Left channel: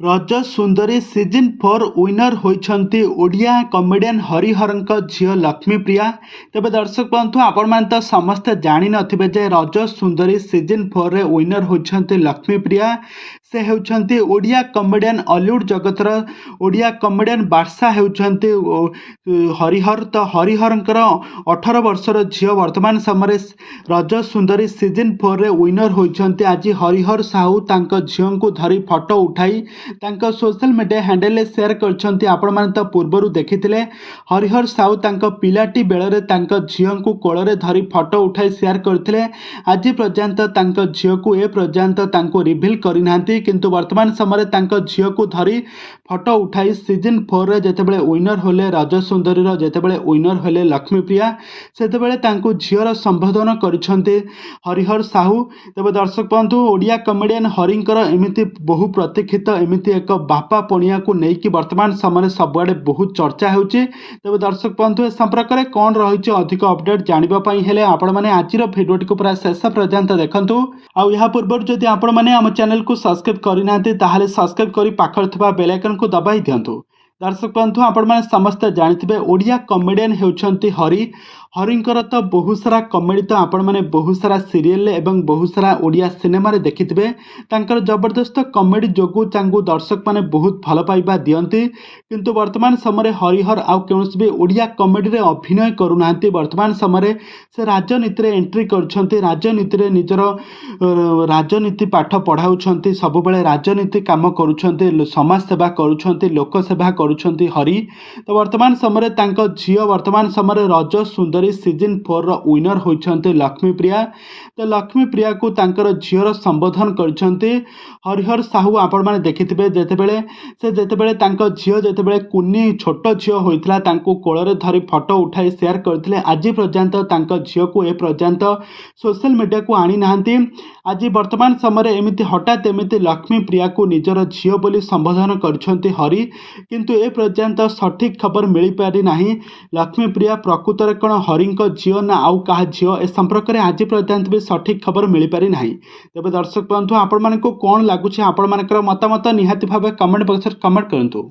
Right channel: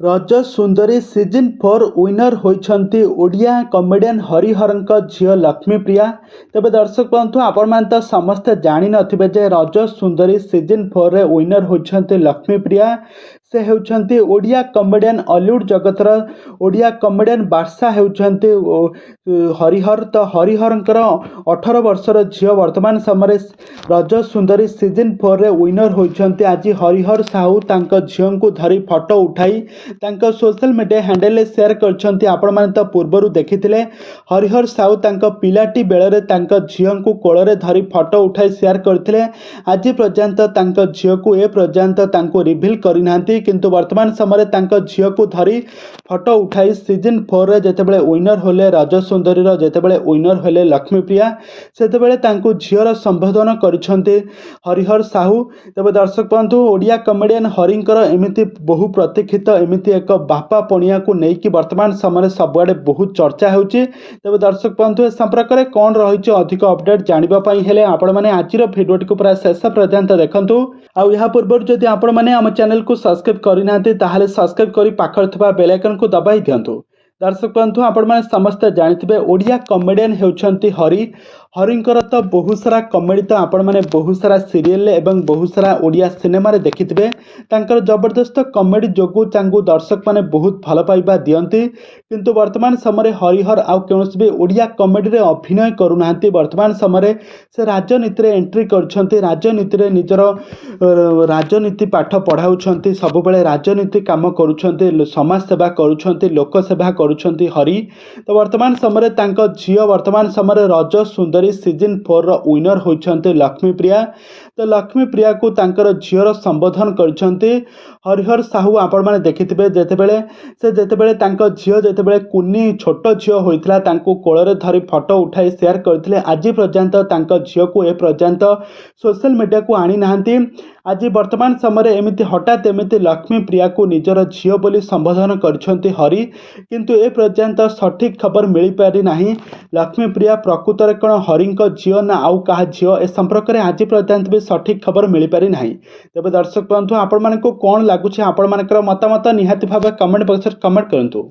रज सुंदरी season 4 winner होइछंती Odia comedian हरिहरंक झील लक्ष्मीप्रिया। तेबे दर्शक बंधु आपण मैंने तो समस्ते जानी नथिबे जे रज सुंदरी सीजन 4 रे विनर होइछंती लक्ष्मीप्रिया। से हेउछंती ओडिया कमेडियन हॉलीवुड जगतर ओडिया कमेडियन बादशाह हेउछंती हरिहर। तो हरिहरंकर 18 वर्षर झील वर्तमान समय रज सुंदरी सीजन 4 रे विनर होइछंती। आज हरिहर साहू तांको झील को धरी फोटो उठाई तांको सोशल मीडिया हैंडल शेयर करछंती। आपण माने तो पूर्वरु देखिथिले हरिहर साहू तांको पिलाटी बेलरे तांको झियो को कोଳରେ धरी फोटो उठाई शेयर करथिले। आज पर्यंत तांको झियो को ए पर्यंत तांको रिवील करिनांती, किंतु वर्तमान समय तांको झियो को धरी फोटो उठाई सीजन 4 रे जेतेबेले विनर होले रज सुंदरी रो जेतेबेले विनर होले लक्ष्मीप्रिया सेतेबेले तांको झियोर संबोधन करिछंती हरिहर साहू। तबे दर्शक बंधु ओडिया कमेडियन हरिंकर एमिति बहु प्रतीक्षित एमिति एक बापा पणिया को लेकिन वर्तमान समय सबुआडे बहुत चर्चा होउची। तबे दर्शक बंधु ए संपर्क में कौन रही अधिक अपडेट जानापी हेले आपण मैंने आज भिडियोटी को पूरा शेष पर्यंत देखंतु। आउ या पूर्व जदि आपण मैंने आम चैनल को सब्सक्राइब करना ताहले सब्सक्राइब करी पाखर थिबा बेल आइकन को दबाई दियंतु। दर्शक बंधु आपण मैंने समस्त जानिथिबे ओडिया कमेडियन हेउछंती हरि। हरिंकर तो बहुत सारा कमेडी तो आपण मैंने बहुत सारा सीरियल एवं बहुत सारा ओडिया सिनेमा रे देखिथिबे। तांकर जबरदस्त कमेडी जोगु तांगु दर्शक माने बहुत भल पाइबा दियंती, किंतु वर्तमान समय हरिहर आउ कौनसी भी ओडिया कमेडी रे अभिनय करूनांती। वर्तमान समय से राजनीति रे एंट्री करछंती, राजनीति रे निजर राजनीति पाठ पढ़ाउछंती, सब बेले राजनीति काम करूछंती, समाज सेवा करूछंती, लोक सेवा करूछंती हरि। तो वर्तमान समय तांको झियो वर्तमान समय रज सुंदरी सीजन 4 रो विनर होइछंती लक्ष्मीप्रिया। तो लक्ष्मीप्रिया को तांकर झियोर संबोधन करछंती हरिहर साहू। आपण माने देखिथिबे जेतेबेले तांको झियो जेतेबेले कुनी छोट झियो होइतला तांको कोଳରେ धरी फोटो उठाई शेयर करथिले। आज पर्यंत तांको झियो को ए पर्यंत सोशल मीडिया को आनी नाहंती। आज वर्तमान समय एमिति हठात एमिति लक्ष्मीप्रिया को निजर झियो बोली संबोधन करछंती हरि, किंतु ए पर्यंत सठिक खबर मिली पारि नाही। लक्ष्मीप्रिया प्रकृत रे कोन हरिंको झियो ना आउ काहा झियो ए संपर्क रे आज पर्यंत भी सठिक खबर मिली पारि नाही। तबे दर्शक बंधु आपण मानको कोन लागुछि आपण मानकर मतामत निहाती भाबे कमेंट बॉक्स रे कमेंट करंतु।